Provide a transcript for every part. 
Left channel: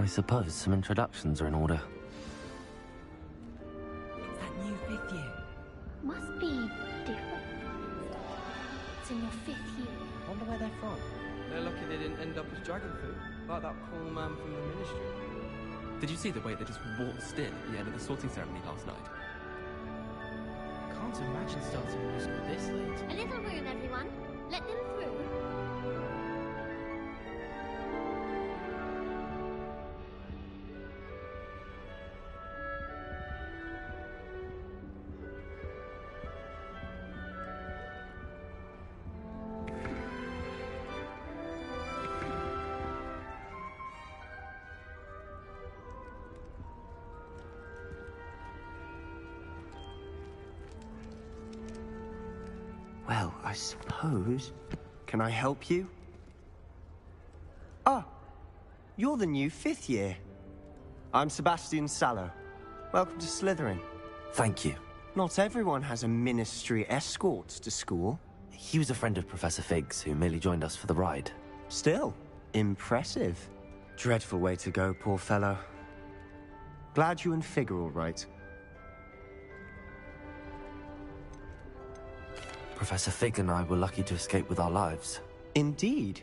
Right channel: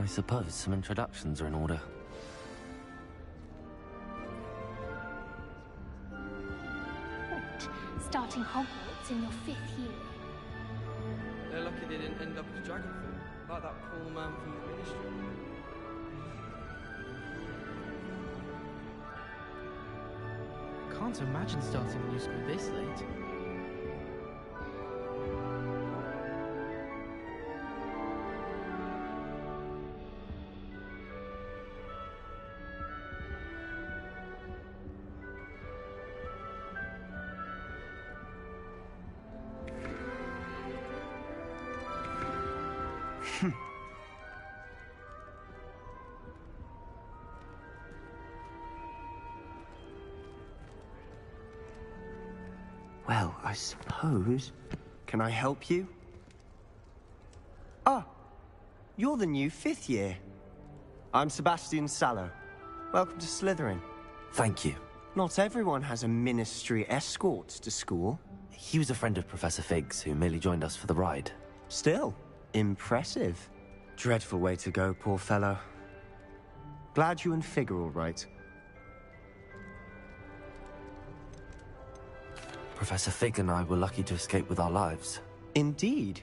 I suppose some introductions are in order. It's that new 5th year. Must be different, starting Hogwarts in your 5th year. Wonder where they're from. They're lucky they didn't end up as dragon food, like that poor man from the Ministry. Did you see the way they just waltzed in at the end of the sorting ceremony last night? Can't imagine starting a new school this late. A little room, everyone. Let them through. Well, I suppose... Can I help you? Ah, you're the new 5th year. I'm Sebastian Sallow. Welcome to Slytherin. Thank you. Not everyone has a ministry escort to school. He was a friend of Professor Fig's who merely joined us for the ride. Still, impressive. Dreadful way to go, poor fellow. Glad you and Fig are all right. Professor Fig and I were lucky to escape with our lives. Indeed.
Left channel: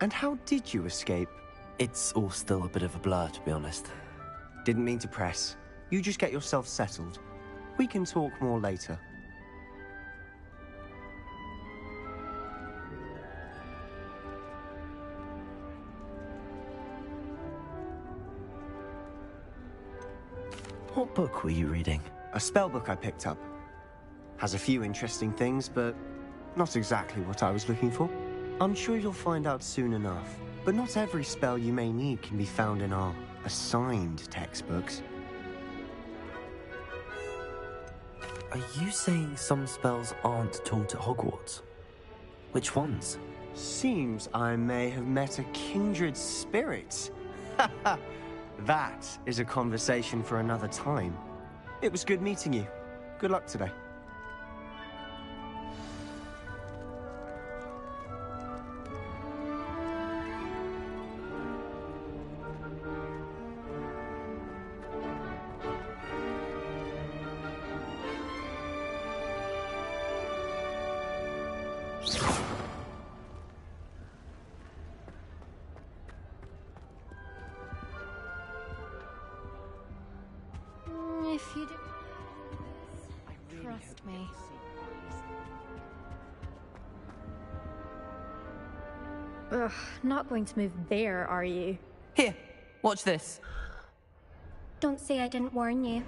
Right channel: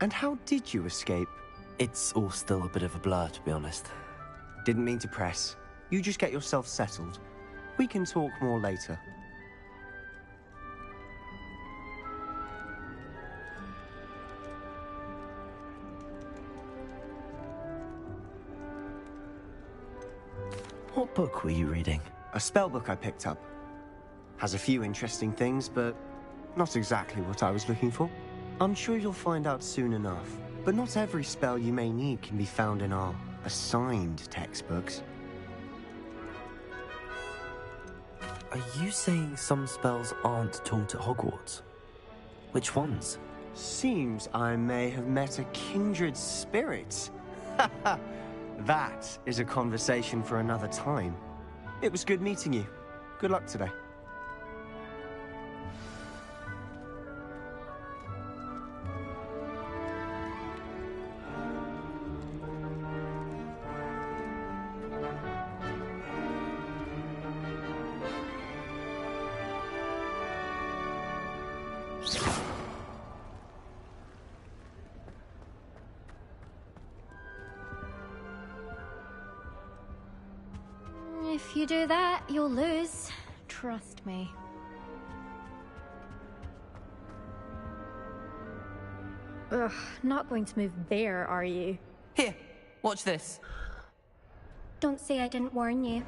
And how did you escape? It's all still a bit of a blur, to be honest. Didn't mean to press. You just get yourself settled. We can talk more later. What book were you reading? A spell book I picked up. Has a few interesting things, but not exactly what I was looking for. I'm sure you'll find out soon enough. But not every spell you may need can be found in our assigned textbooks. Are you saying some spells aren't taught at Hogwarts? Which ones? Seems I may have met a kindred spirit. That is a conversation for another time. It was good meeting you. Good luck today. If you do that, you'll lose. Trust me. Ugh, not going to move there, are you? Here, watch this. Don't say I didn't warn you.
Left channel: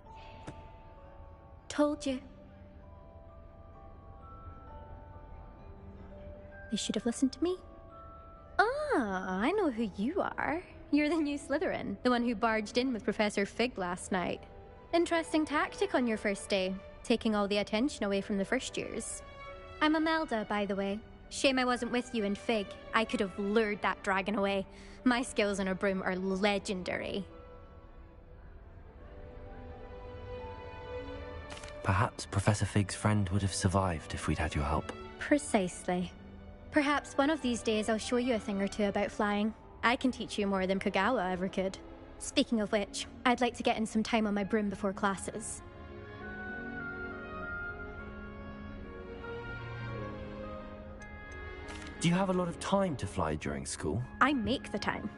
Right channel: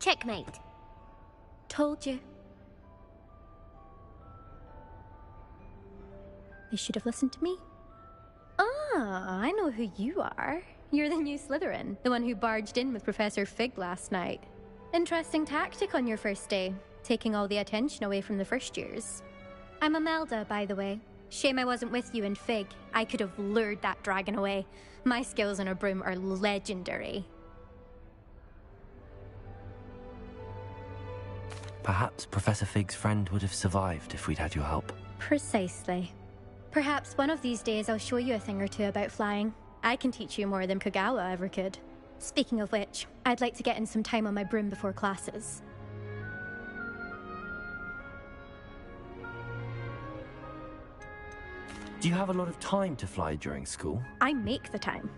Checkmate. Told you. They should have listened to me. Ah, I know who you are. You're the new Slytherin, the one who barged in with Professor Fig last night. Interesting tactic on your first day, taking all the attention away from the first years. I'm Imelda, by the way. Shame I wasn't with you in Fig. I could have lured that dragon away. My skills on a broom are legendary. Perhaps Professor Fig's friend would have survived if we'd had your help. Precisely. Perhaps one of these days I'll show you a thing or two about flying. I can teach you more than Kogawa ever could. Speaking of which, I'd like to get in some time on my broom before classes. Do you have a lot of time to fly during school? I make the time.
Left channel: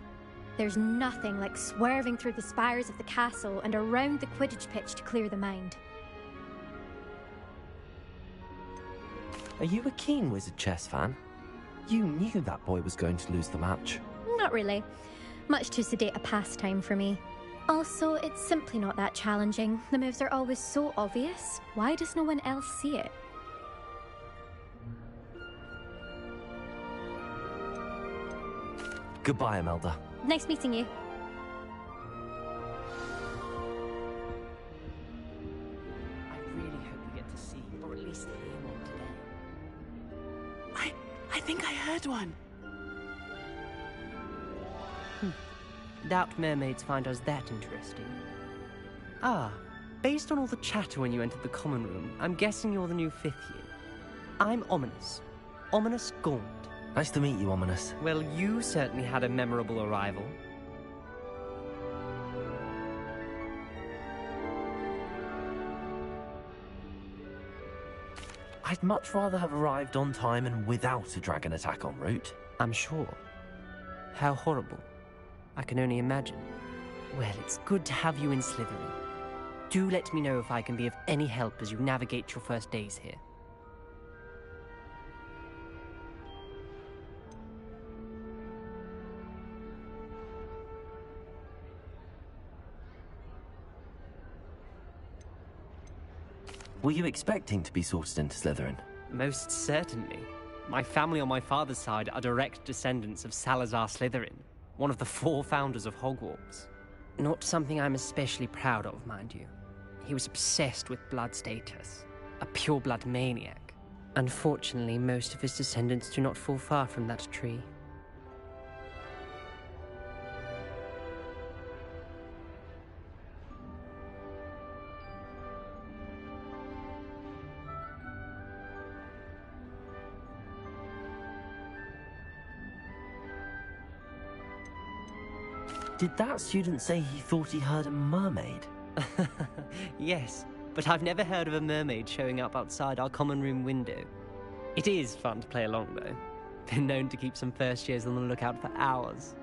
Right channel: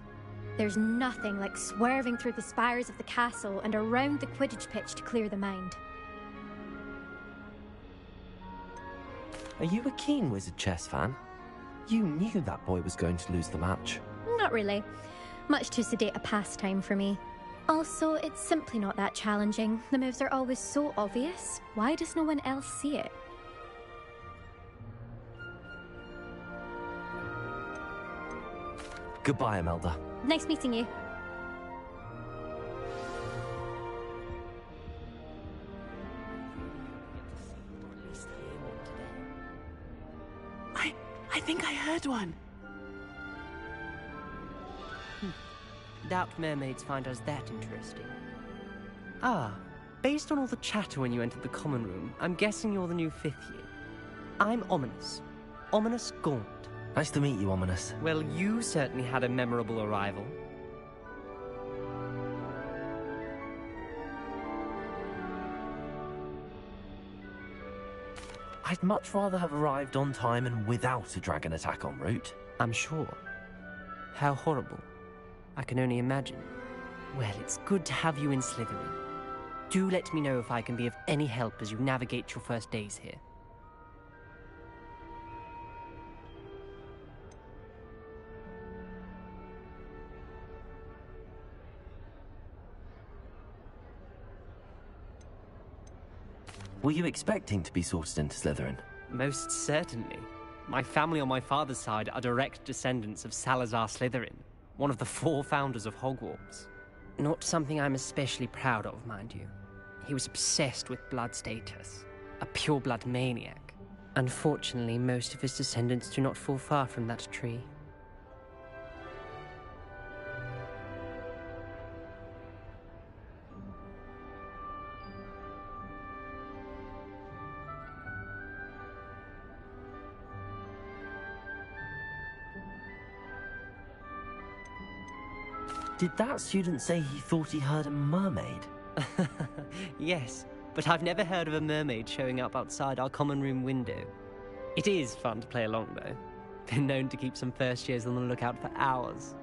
There's nothing like swerving through the spires of the castle and around the Quidditch pitch to clear the mind. Are you a keen Wizard chess fan? You knew that boy was going to lose the match. Not really. Much too sedate a pastime for me. Also, it's simply not that challenging. The moves are always so obvious. Why does no one else see it? Goodbye, Imelda. Nice meeting you. I really hope we get to see, or at least hear one today. I think I heard one. Doubt mermaids find us that interesting. Ah, based on all the chatter when you entered the common room, I'm guessing you're the new 5th year. I'm Ominous. Ominous Gaunt. Nice to meet you, Ominous. Well, you certainly had a memorable arrival. I'd much rather have arrived on time and without a dragon attack en route. I'm sure. How horrible. I can only imagine. Well, it's good to have you in Slytherin. Do let me know if I can be of any help as you navigate your first days here. Were you expecting to be sorted into Slytherin? Most certainly. My family on my father's side are direct descendants of Salazar Slytherin, one of the 4 founders of Hogwarts. Not something I'm especially proud of, mind you. He was obsessed with blood status, a pure-blood maniac. Unfortunately, most of his descendants do not fall far from that tree. Did that student say he thought he heard a mermaid? Yes, but I've never heard of a mermaid showing up outside our common room window. It is fun to play along, though. Been known to keep some first years on the lookout for hours.